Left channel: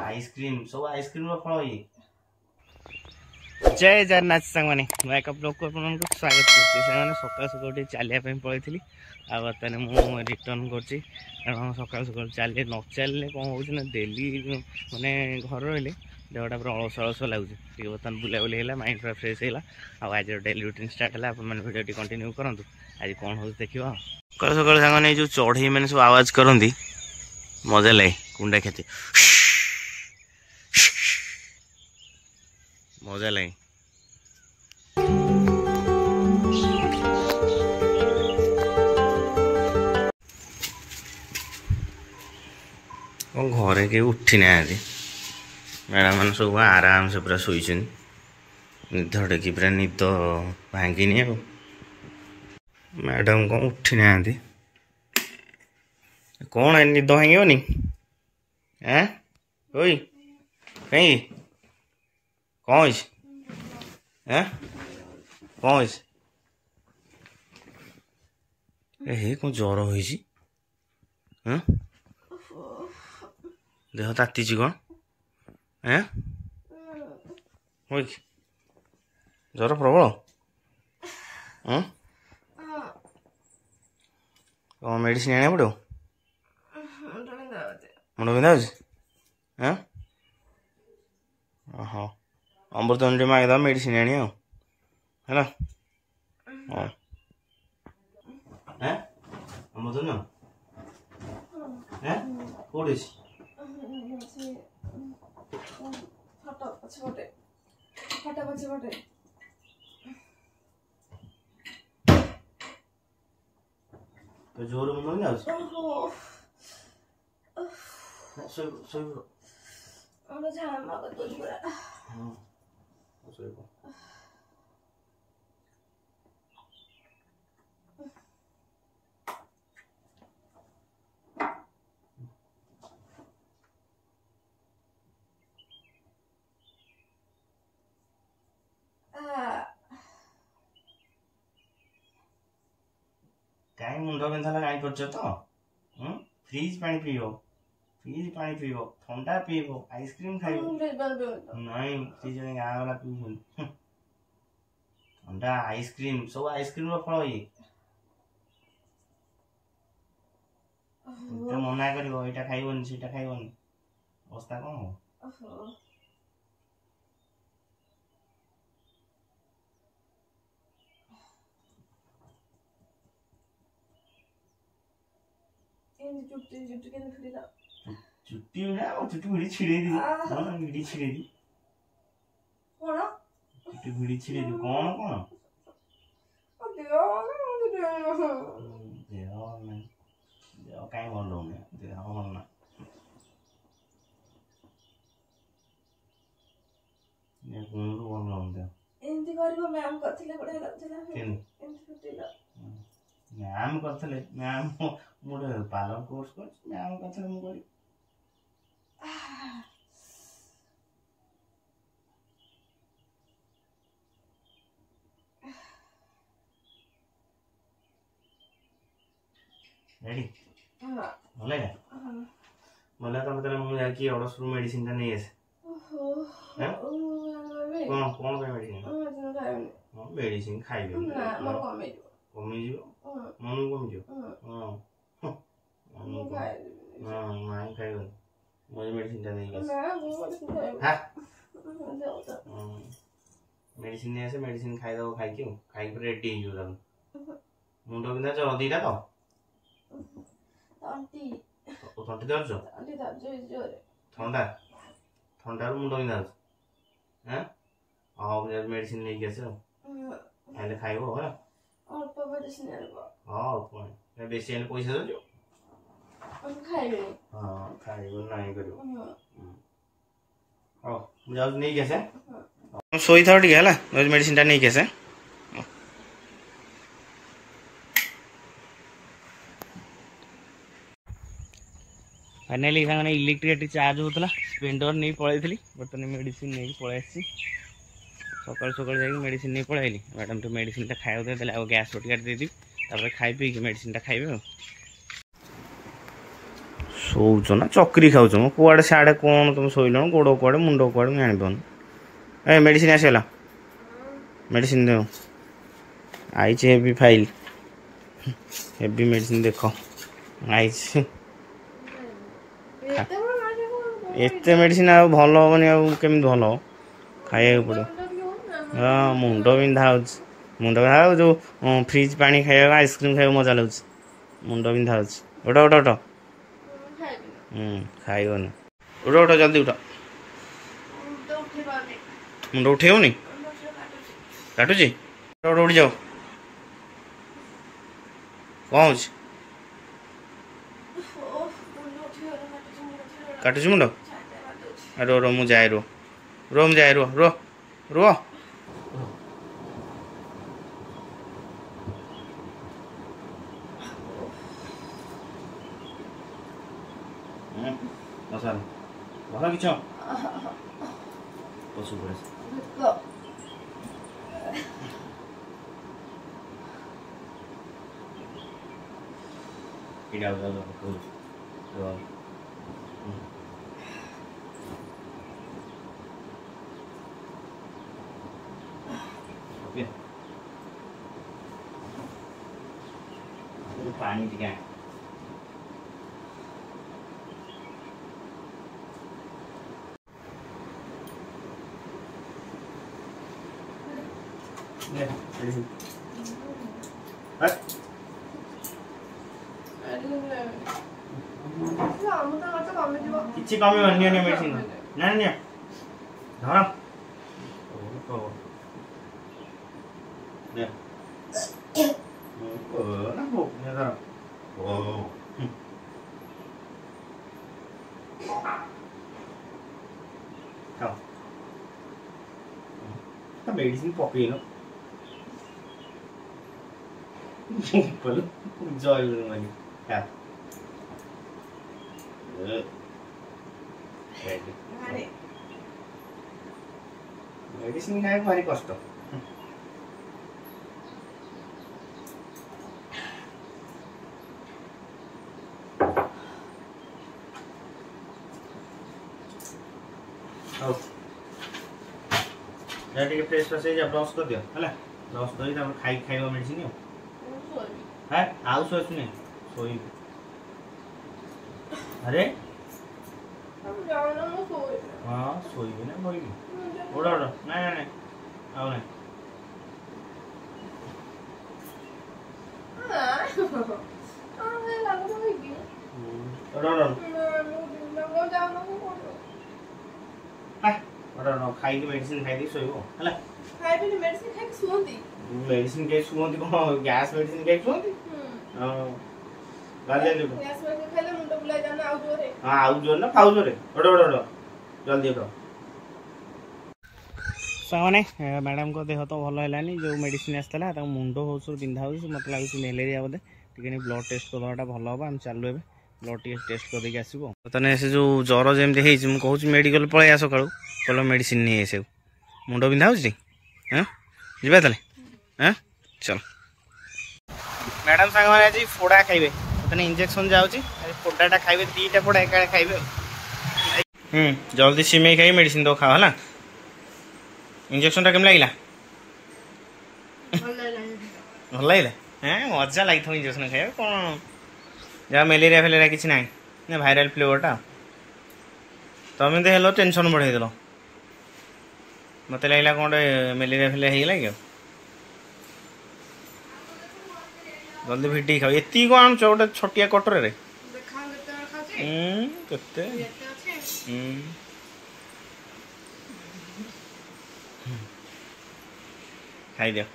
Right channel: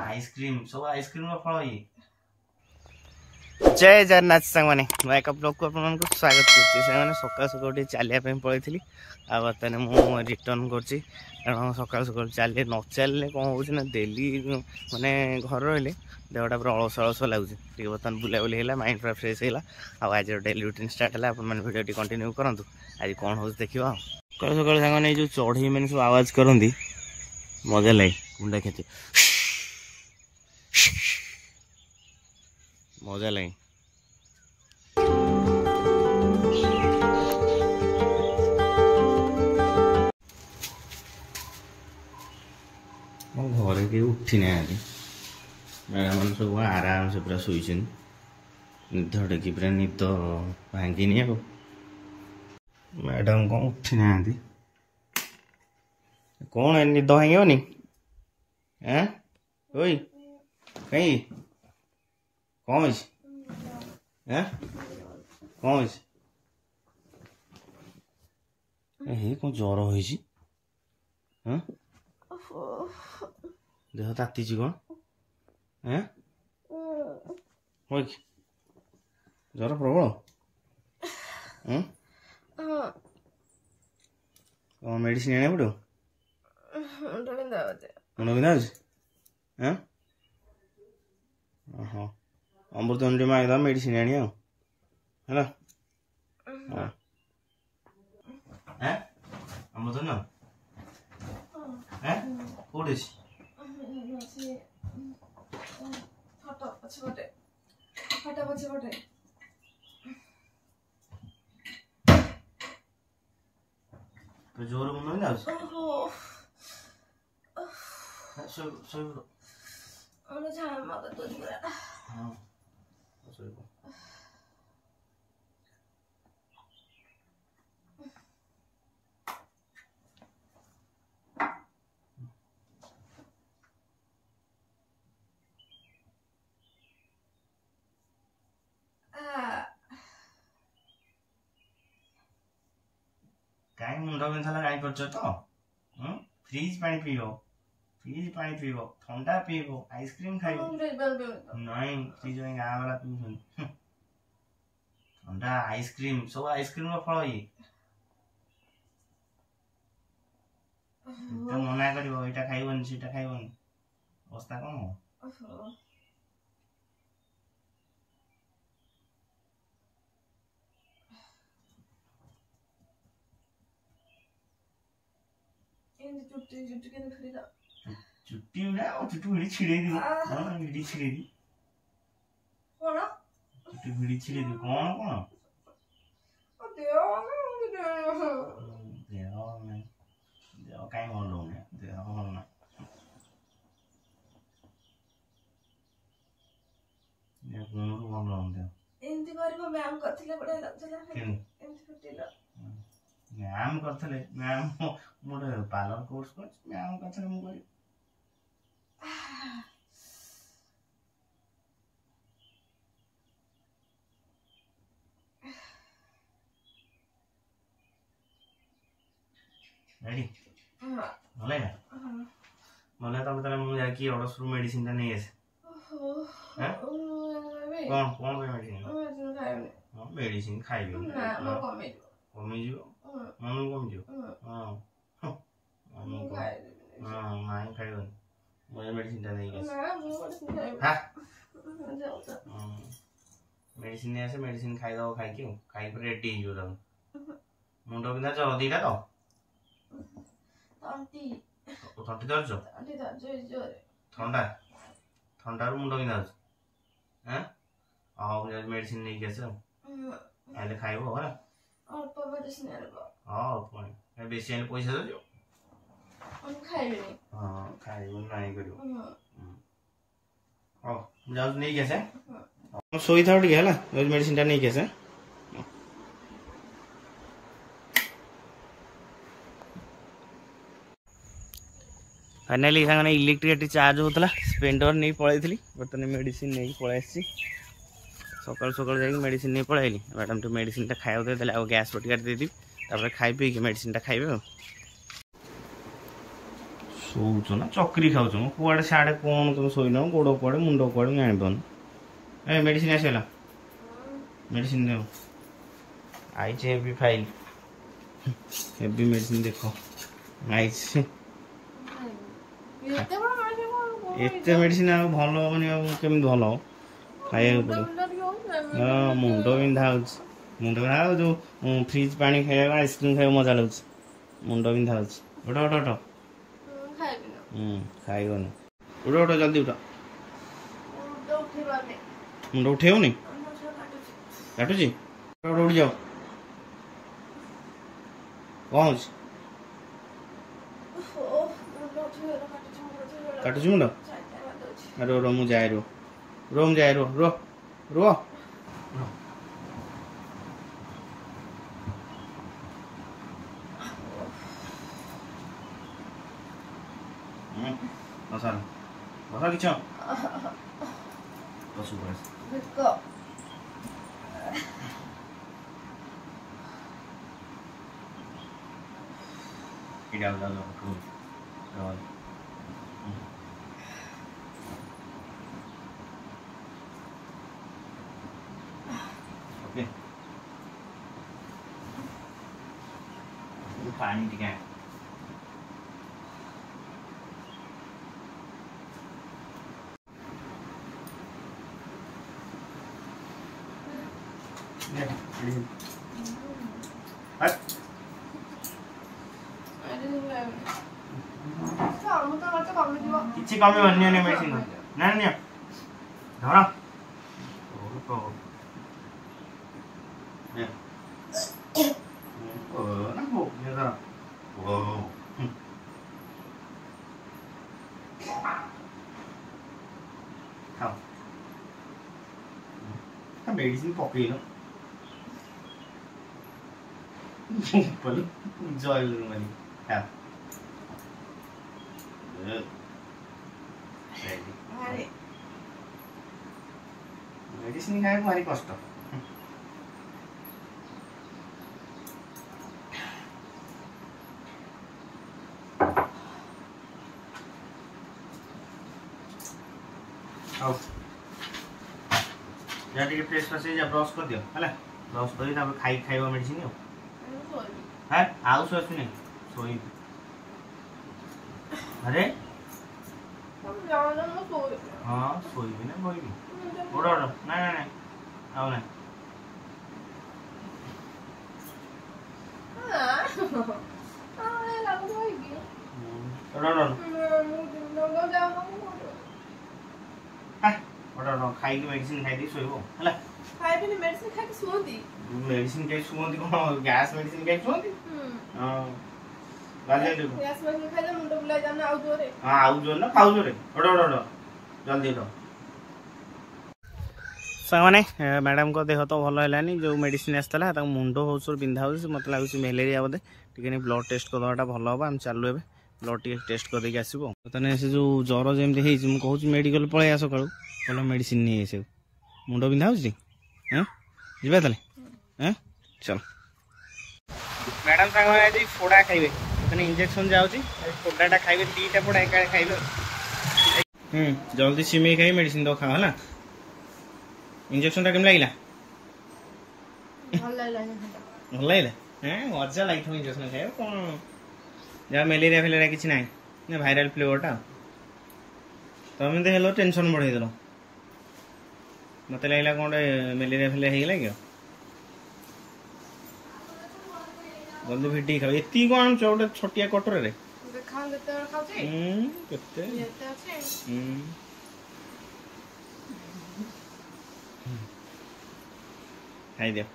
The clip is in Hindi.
आइसक्रीम सब आइसक्रीम फल ये जय जगन्नाथ सांग मैंने एक ब्लॉग को आपको स्वागत करते सकाल सकाल चलिया पड़ी आ बर्तमान मुझे रिटर्न कर कारण सकाल सकाल चलिए न चलिए कौन हो डेली माने घर रही देहटा पूरा अलस अलस लगे बर्तमान बुलाबुली है माइंड पूरा फ्रेश है आज डेली रूटीन स्टार्ट है भिडियो कंटिन्यू करूँ आज कौन हो देखा सकाल सकाल सांग जो चढ़ई मैंने सब आवाज करती मजा लगे कुंडा खेती मजा लगे घरे के उठी ना मैडम मैंने सब आराम से पूरा शोन निधड़े कि पूरा निद भांगिनी आ मैडम कौन उठी ना कौन है निद भांगनी हैं ओई कहीं कौन है कौन है कौन ज्वर हो देह ताती कौन है ज्वर प्रबल कौन मेडिसिन आने पड़ो मुंड बिंधा हाँ हाँ अमृतंडी मांगद मेडिसिन आनी है अमृतंड कौटी जोर मुंड बिंधा कहीं मुंड बिंधा कहीं कर फ्रीज पानी पीब ठंडा पीब आइसक्रीम खाइब नहीं फ्रीज गाँ वाला पीछे ठंडा आइसक्रीम सब आइसक्रीम फल ये मना कर खाइबनी से खाइबनी अवस्था कौन हो चुट्टी चुट्टी भिड़ी छिड़े दी भिड़ी छिड़े दी चुट्टी भिड़ी छिड़े दी कौन कौन देह कहीं भल हो देह भल ना भल हो मैम करते मैम मोटे पार्लर कोर्स मैम करते मुझे रेडी भले भले तो मुझे जाकि अड़सर मेडिसिन टा नहीं आसे कौन कौन मेडिसिन मेडिसिन खाइबे कमी मन कमी माई खाइबे मुझे मेडिसिन टा नहीं मेडिसिन नहीं आसे मेडिसिन खाईद खाई रेडी मुंड बिंधा ज्वर दीटा तो तंटी दर्ज ठंडा ठंडा मुंड बिंधा हाँ मेडिसिन नहीं खाइले खाइब है हाँ बेसी आने पैसा दो खाइब नहीं कर नहीं कैसे शोई था टे है मेडिसिन टा नहीं कैसे फाइनाली सामने इलेक्ट्रिक चार्ज होता स्पेंडर नहीं पलैली बर्तमान मेडिसिन नहीं पलि सकाल सकाल जा मेडिसिन नहीं पलैली मैडम तो मेडिसिन खाया देते गैस बटिका देदी खाई पी मेडिसिन खाइबे ଶୋଉଛ ନା ଚକ୍ରି ଖାଉଛ ମ କୁଆଡ଼େ ସିଆଡ଼େ କ'ଣ ତୁମେ ଶୋଇଲଣି ଗୋଡ଼ କୁଆଡ଼େ ମୁଣ୍ଡ କୁଆଡ଼େ ମୁଁ ଜାଣିପାରୁନି। ଏ ମେଡ଼ିସିନ ଆସିଗଲା ମେଡ଼ିସିନ ଦେବ ଆଇଛି ହେଭି ଫାଇଲ୍ ହେଭି ମେଡ଼ିସିନ ଦେଖ ଆଇଛି। ଏତେ ମେଡ଼ିସିନ ଆଉ ଭଲ ହେବନି ଆଉ କେମିତି ଭଲ ହେବ ଖାଇବାକୁ ପଡ଼ିବ। ହଁ ମୁଣ୍ଡ ବିନ୍ଧା ହେଉଛି ମୁଣ୍ଡ ବିନ୍ଧା ଆଉ ଯେଉଁ ଫ୍ରିଜ୍ ପାଣି ଖାଇବାକୁ ଆଇସ୍କ୍ରିମ୍ ଖାଇବାକୁ ମଜା ଲାଗୁଛି ମୁଣ୍ଡ ବିନ୍ଧା ହେଉଛି। ଉଠ ଉଠ ଉଠ ଖାଇବନି ଉଠ ଉଠ ଜଲ୍ଦି ଉଠ। ମୁଣ୍ଡ ଉଠେଇବନି କାଟୁଛି ଉଠ ଉଠିଯାଅ କ'ଣ ହେଉଛି କାଟୁଛି ମୁଣ୍ଡ ରୁହ ରୁହ ମୁଁ ଯାଏ ରୁହ ରୁହ ମୁଁ ଯାଏ ରୁହ ରୁହ ରୁହ କିଛି ପଶୁ ପଡ଼େ ଯାଉ ଯାଉ ଯାଉ ପାଣି ଟିକେ କିଛି କମିବନି ନିଅ ନିଅ ମେଡ଼ିସିନ ନା ନିଅ ଧର ମେଡ଼ିସିନ ପକେଇଲ ଜୟ ମେଡ଼ିସିନ ଖାଇବାକୁ ଭାରି କଷ୍ଟ। ହଉ ଯା ଟିକେ ଫ୍ରେଶ ଫ୍ରେଶ ହେଇଯା ବ୍ରସ୍ କରିଦିଅ ହେଲା ବ୍ରସ୍ କରି ତାପରେ ଖାଇବ ମେଡ଼ିସିନ ହଁ ଆଉ ଶୋଆଶୁନି ଶୋଇବି ଆରେ ହଁ ଶୋଇବି ନା କହିବି ଉଠ ଉଠ ନାଇଁ ନାଇଁ ନାଇଁ ଆଉ ନାଇଁ ଖାଇକି ମେଡ଼ିସିନ ଖାଇଦେଇ ଶୋଇବ ହେଲା ମେଡ଼ିସିନ ଖାଇ ଶୁଅନ୍ତି କ'ଣ ଗ୍ୟାସ୍ ମେଡ଼ିସିନ ଖାଇ ଶୁଅନ୍ତି ହଁ ଆଉ ଜୋର ନା ଖାଉ ଜୋରେ ଜଲ୍ଦି ଉଠ। ସାଙ୍ଗମାନେ ମ୍ୟାଡ଼ାମଙ୍କ ଦେହ ତ ଭଲ ହେଲାନି ଯେଉଁ ମେଡ଼ିସିନ ଆସିଥିଲା ତାଙ୍କ ମୁଣ୍ଡ ବହୁତ ବିନ୍ଧା ହେଉଛି ମୋତେ ଲାଗୁଛି ମ୍ୟାଲେରିଆ ବୋଧେ ଟିକେ ବ୍ଲଡ଼ ଟେଷ୍ଟ କରିଦେବାଟା ଭଲ ହେବ ଆମେ ଚାଲୁ ଏବେ ବ୍ଲଡ଼ ଟିକେ ଟେଷ୍ଟ କରିଦେଇକି ଆସିବ ତାହେଲେ ସେ ଯେଉଁ ଜ୍ୱର ଯେମିତି ହେଇଛି ମୁଁ କହୁଛି ମେଡ଼ିକାଲ ପଳେଇ ଆସ ସକାଳୁ ଭଲ ମେଡ଼ିସିନ ନେଇ ଆସିବୁ ମୁଣ୍ଡ ବିନ୍ଧା ହେଉଛି ହଁ ଯିବା ତାହେଲେ ହଁ ଚାଲ ମ୍ୟାଡ଼ାମ ସାଙ୍ଗମାନେ ଆଜି ଫୋଡ଼ା ଖାଇବେ ତାହେଲେ ଇଞ୍ଜେକ୍ସନ ଯାଉଛି ଫୋଡ଼ାଟା ଖାଇବେ ଦୁଇଟା ଫୋଡ଼ା ଏକାବେଳେ ଖାଇବେ ଜଲ୍ଦି ସିମେଇ ଖାଇ ମେଡ଼ିସିନ ଦବ ଖାଅ ହେଲା ଇଞ୍ଜେକ୍ସନଟା କେମିତି ଲାଗିଲା ଭଲ ଲାଗିଲା ମଜା ଲାଗିଥିବ ଇଞ୍ଜେକ୍ସନ ଖାଇବା କ'ଣ ଯାହା ମ୍ୟାଲେରିଆ ଫ୍ୟାଲେରିଆ କିଛି ନାହିଁ ନା ଭାଇରାଲ ଫ୍ଲେଭରଟା ତମେ ତ ହେଲ ଟେନସନ୍ ବଢ଼େଇଦେଲ ମୋତେ ଲାଗିଲା କ'ଣ ଗୋଟେ ମ୍ୟାଲେରିଆ ଫ୍ୟାଲେରିଆ ହେଇଗଲା କି ଜଲ୍ଦି ଭିଡ଼ିକି ଖାଅ ଏତିକି କ'ଣ ଆଣୁଛ ଗୋଟେ ଛୋଟିଆ କଟରରେ କେତେ ଖାଇଦିଅ